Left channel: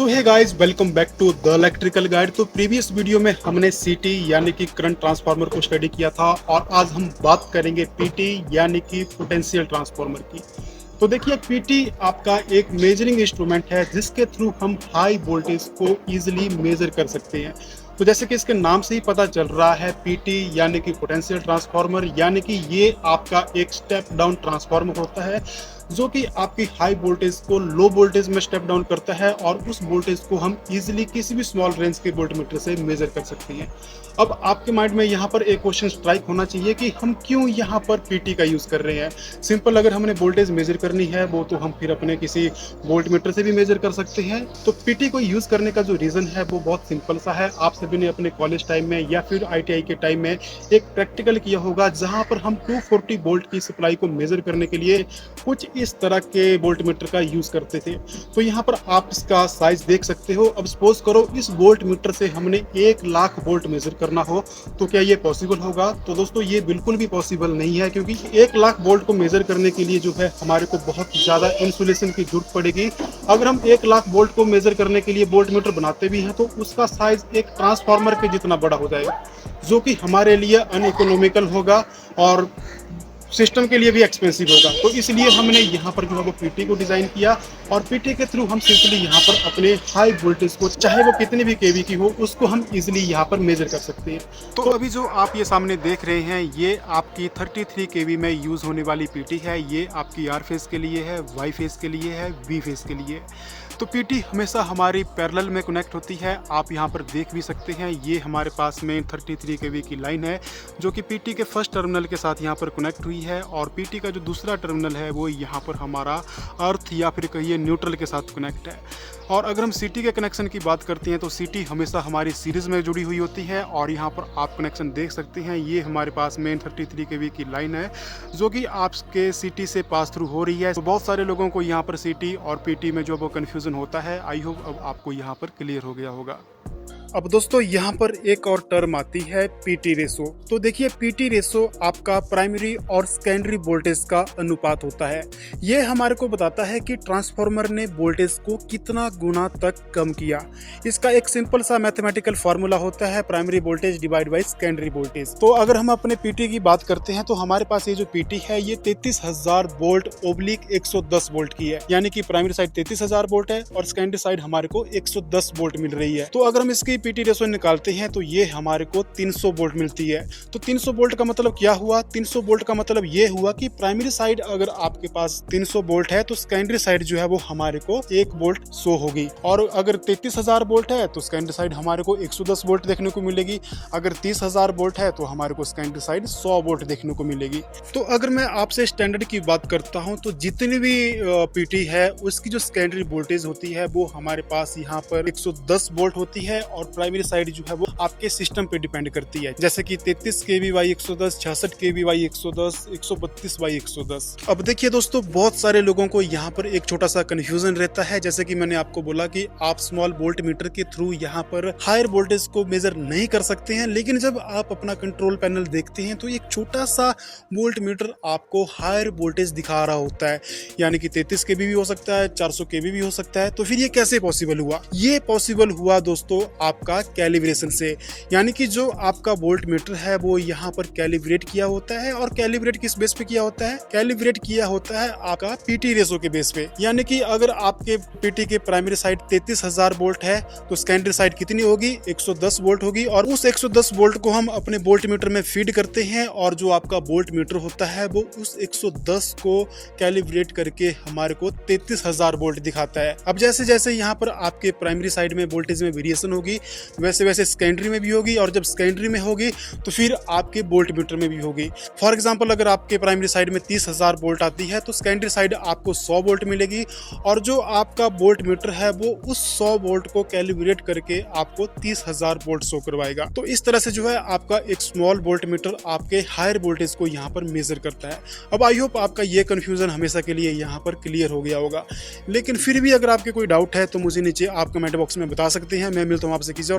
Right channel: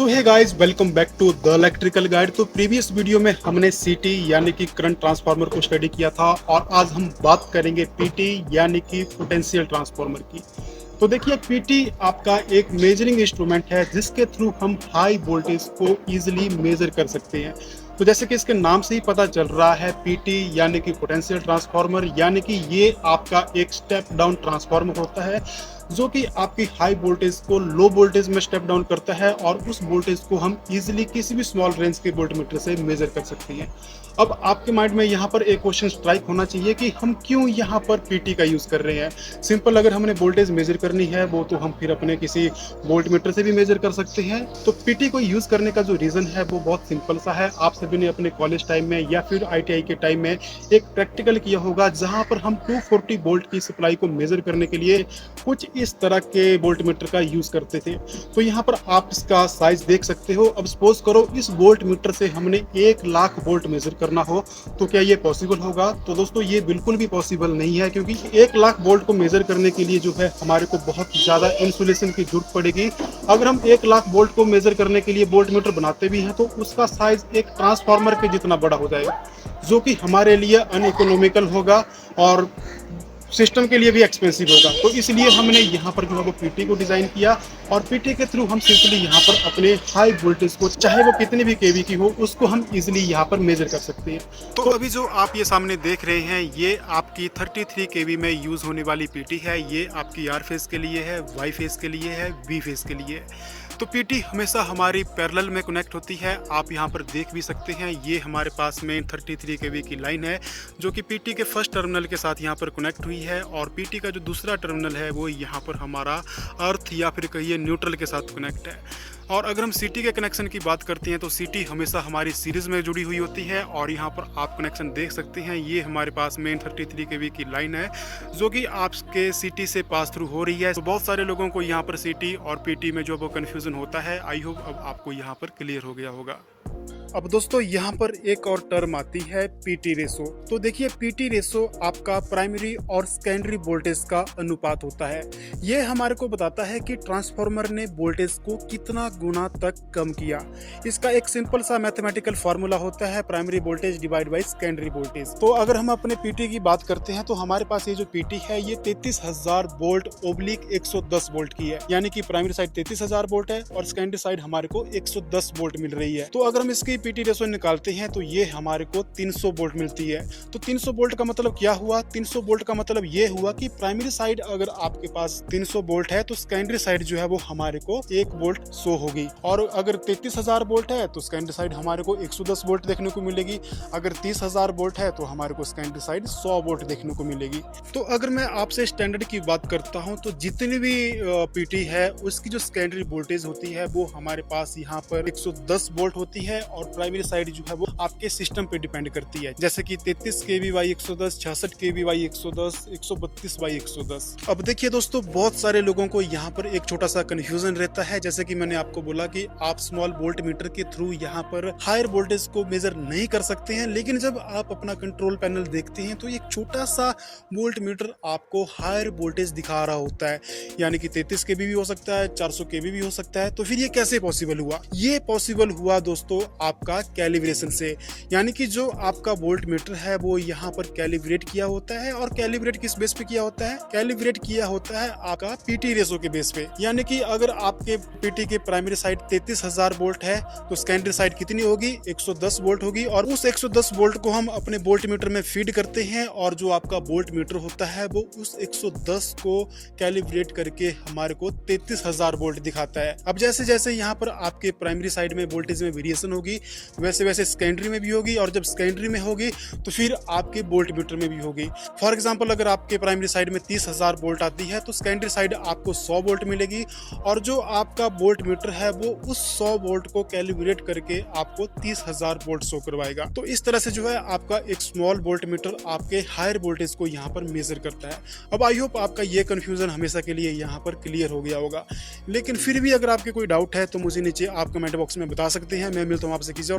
So hey guys, welcome back to the electrical guide. तो previous video में हमने सीटी यानी कि करंट ट्रांसफार्मर को स्टडी किया था और आज हम बात करेंगे पीटी यानी कि पोटेंशियल ट्रांसफार्मर की। तो देखिए, पीटी आपका एक मेजरिंग इंस्ट्रूमेंट है जिसके थ्रू हम हाई वोल्टेज को इजीली मेजर कर सकते हैं। तो जैसे कि इसके नाम से ही पता चल रहा है, पीटी यानी कि पोटेंशियल ट्रांसफार्मर, यानी कि ये आपका एक स्टेप डाउन ट्रांसफार्मर होता है जो कि आपकी हाई वोल्टेज को लो वोल्टेज में स्टेप डाउन करता है और उस वोल्टेज को हम इजीली किसी भी स्मॉल रेंज के वोल्टमीटर से मेजर कर सकते हैं। अब आपके माइंड में यहाँ पर एक क्वेश्चन स्ट्राइक होना चाहिए कि हम क्यों यहाँ पर पीटी का यूज कर रहे हैं। सिंपल, अगर हमने वोल्टेज मेजर करनी है वो तो हम फिर अपने किसी वोल्टमीटर से भी मेजर कर सकते हैं। तो पीटी को यूज करने का जो रीजन है वो बहुत सिंपल सा है। आप सभी ने अपने कॉलेज टाइम में या फिर आईटीआई के टाइम में एक प्रैक्टिकल किया होगा जहां पर हम 240 वोल्ट की सप्लाई को मेजर करने के लिए कुछ इस तरह के वोल्टमीटर का यूज करते थे। तो यहाँ पर आप इसका साइज देख सकते हो। अब सपोज करो इस वोल्टमीटर से हमने 1 लाख वोल्ट मेजर करना हो तो क्या ये पॉसिबल होगा? तो दोस्तों, ये बिल्कुल भी पॉसिबल नहीं है, क्योंकि 1 लाख वोल्ट को मेजर करने के लिए जो है हमारे को बहुत ज्यादा इंसुलेशन की जरूरत पड़ेगी। अगर हम 1 लाख वोल्ट को मेजर करने के लिए वोल्टमीटर बनाते भी हैं तो उसका साइज एक ट्रांसफार्मर के जितना बड़ा हो जाएगा, जो कि हमारे लिए अनइकोनॉमिकल होगा और सिस्टम के लिए भी एक्सपेंसिव होगा। तो इसलिए हमने यहाँ पर जो है वो पीटी को डिजाइन किया और पीटी के थ्रू हम सिंपली यहाँ पर अपने हाई वोल्टेज को, चाहे वो कितनी भी केवी की हो, उसको हम इजीली यहाँ पर मेजर कर सकते हैं। तो अभी जो आप ये सामने देख रहे हैं ये आपकी 33 केवी में यूज होने वाली पीटी है। ये आपकी आर फेज के लिए है, वाई फेज के लिए है, वी फेज के लिए। तो पीटी हमेशा हमारी पैरेलल में कनेक्ट होती है। आप यहाँ पर देख भी सकते हैं, ये हमारे पास में 33 केवी की लाइन है जो कि पीटी के फर्स्ट टर्मिनल के साथ यहाँ पर कनेक्ट हुई है और पीटी का जो दूसरा टर्मिनल है वो यहाँ पर हमारा अर्थ या फिर कहिए न्यूट्रल के साथ कनेक्ट है। और अगर हम सीटी के कनेक्शन की बात करते हैं तो सीटी हमेशा हमारी सीरीज में जुड़ी हुई होती है और यहाँ पर आप कनेक्शन देख सकते हैं। ये हमारे पास में 33 केवी की लाइन है जो कि आपके सीटी से पास थ्रू हो रही है। तो बहुत सारे लोगों को यहाँ पर सीटी और पीटी में जो वो कन्फ्यूजन होता है। आई होप अब आपको यहाँ पर क्लियर हो गया होगा। अब दोस्तों, यहाँ पर एक और टर्म आती है पीटी रेशो। तो देखिए, पीटी रेशो आपका प्राइमरी और सेकेंडरी वोल्टेज का अनुपात होता है। ये हमारे को बताता है कि ट्रांसफार्मर ने वोल्टेज को कितना गुना तक कम किया। इसका एक सिंपल सा मैथमेटिकल फार्मूला होता है, primary voltage divide by secondary voltage. तो अगर हम अपने पीटी की बात करते हैं तो हमारे पास ये जो पीटी है ये 33,000 वोल्ट ओब्लिक 110 वोल्ट की है, यानी कि प्राइमरी साइड 33,000 वोल्ट है और सेकेंडरी साइड हमारे को 110 वोल्ट मिल रही है। तो अगर हम इसकी पीटी रेशो निकालते हैं तो ये हमारे को 300 वोल्ट मिलती है। तो 300 वोल्ट का मतलब क्या हुआ? 300 वोल्ट का मतलब ये हुआ कि प्राइमरी साइड अगर आपके पास 300 वोल्ट है तो सेकेंडरी साइड जो है वो हमारे को 1 वोल्ट शो होगी। और अगर 33,000 वोल्ट है तो सेकेंडरी साइड हमारे को 110 वोल्ट देखने को मिलेगी। अगर 30,000 वोल्ट है तो हमारे को सेकेंडरी साइड 100 वोल्ट देखने को मिलेगी। तो अगर मैं आपसे स्टैंडर्ड की बात करता हूँ तो जितनी भी पीटी है उसकी जो सेकेंडरी वोल्टेज होती है वो हमारे पास यहाँ पर 110 वोल्ट होती है और प्राइमरी साइड जो है वो आपके सिस्टम पे डिपेंड करती है, जैसे कि 33 केवी बाई 110, 66 केवी बाई 110, 132 बाई 110। अब देखिए दोस्तों, बहुत सारे लोगों को यहाँ पर एक छोटा सा कंफ्यूजन रहता है। जैसे कि मैंने आपको बोला कि आप स्मॉल वोल्ट मीटर के थ्रू यहाँ पर हायर वोल्टेज को मेजर नहीं कर सकते हैं, लेकिन जब आप अपना कंट्रोल पैनल देखते हैं तो एक छोटा सा वोल्ट मीटर आपको हायर वोल्टेज दिखा रहा होता है, यानी कि 33 केवी भी हो सकता है, 400 केवी भी हो सकता है। तो फिर ये कैसे पॉसिबल हुआ? ये पॉसिबल हुआ दोस्तों आपका कैलिब्रेशन से, यानी कि जो आपका वोल्ट मीटर है वो यहाँ पर कैलिब्रेट किया होता है। और कैलिब्रेट किस बेस पे किया होता है? कैलिब्रेट किया होता है आपका पीटी रेशो के बेस पे। यानी कि अगर आपके पीटी के प्राइमरी साइड 33,000 वोल्ट है तो सेकेंडरी साइड कितनी होगी? 110 वोल्ट होगी। और उस 110 वोल्ट को हम अपने वोल्ट मीटर में फीड करते हैं और जो आपका वोल्ट मीटर होता है वो उस 110 को कैलिब्रेट करके हमारे को 33,000 वोल्ट दिखाता है। अब जैसे जैसे यहाँ पर आपके प्राइमरी साइड में वोल्टेज में वेरिएशन होगी वैसे वैसे सेकेंडरी में भी होगी, और जब सेकेंडरी में होगी तो फिर आपके वोल्ट मीटर में भी होगी। फॉर एग्जांपल, अगर आपके प्राइमरी साइड में 30,000 वोल्ट आती है तो सेकेंडरी साइड आपको 100 वोल्ट मिलेगी और जो आपका वोल्ट मीटर है वो उस 100 वोल्ट को कैलिब्रेट करके आपको 30,000 वोल्ट शो करवाएगा। तो इस तरह से जो है आपका एक स्मॉल वोल्ट मीटर आपके हायर वोल्टेज को यहाँ पर मेजर करता है। अब आई होप आपका ये कंफ्यूजन हमेशा के लिए यहाँ पर क्लियर हो गया होगा, लेकिन फिर भी अगर आपके कोई डाउट है तो मुझे नीचे आप कमेंट बॉक्स में बता सकते हैं। मैं मिलता हूँ आपसे किसी और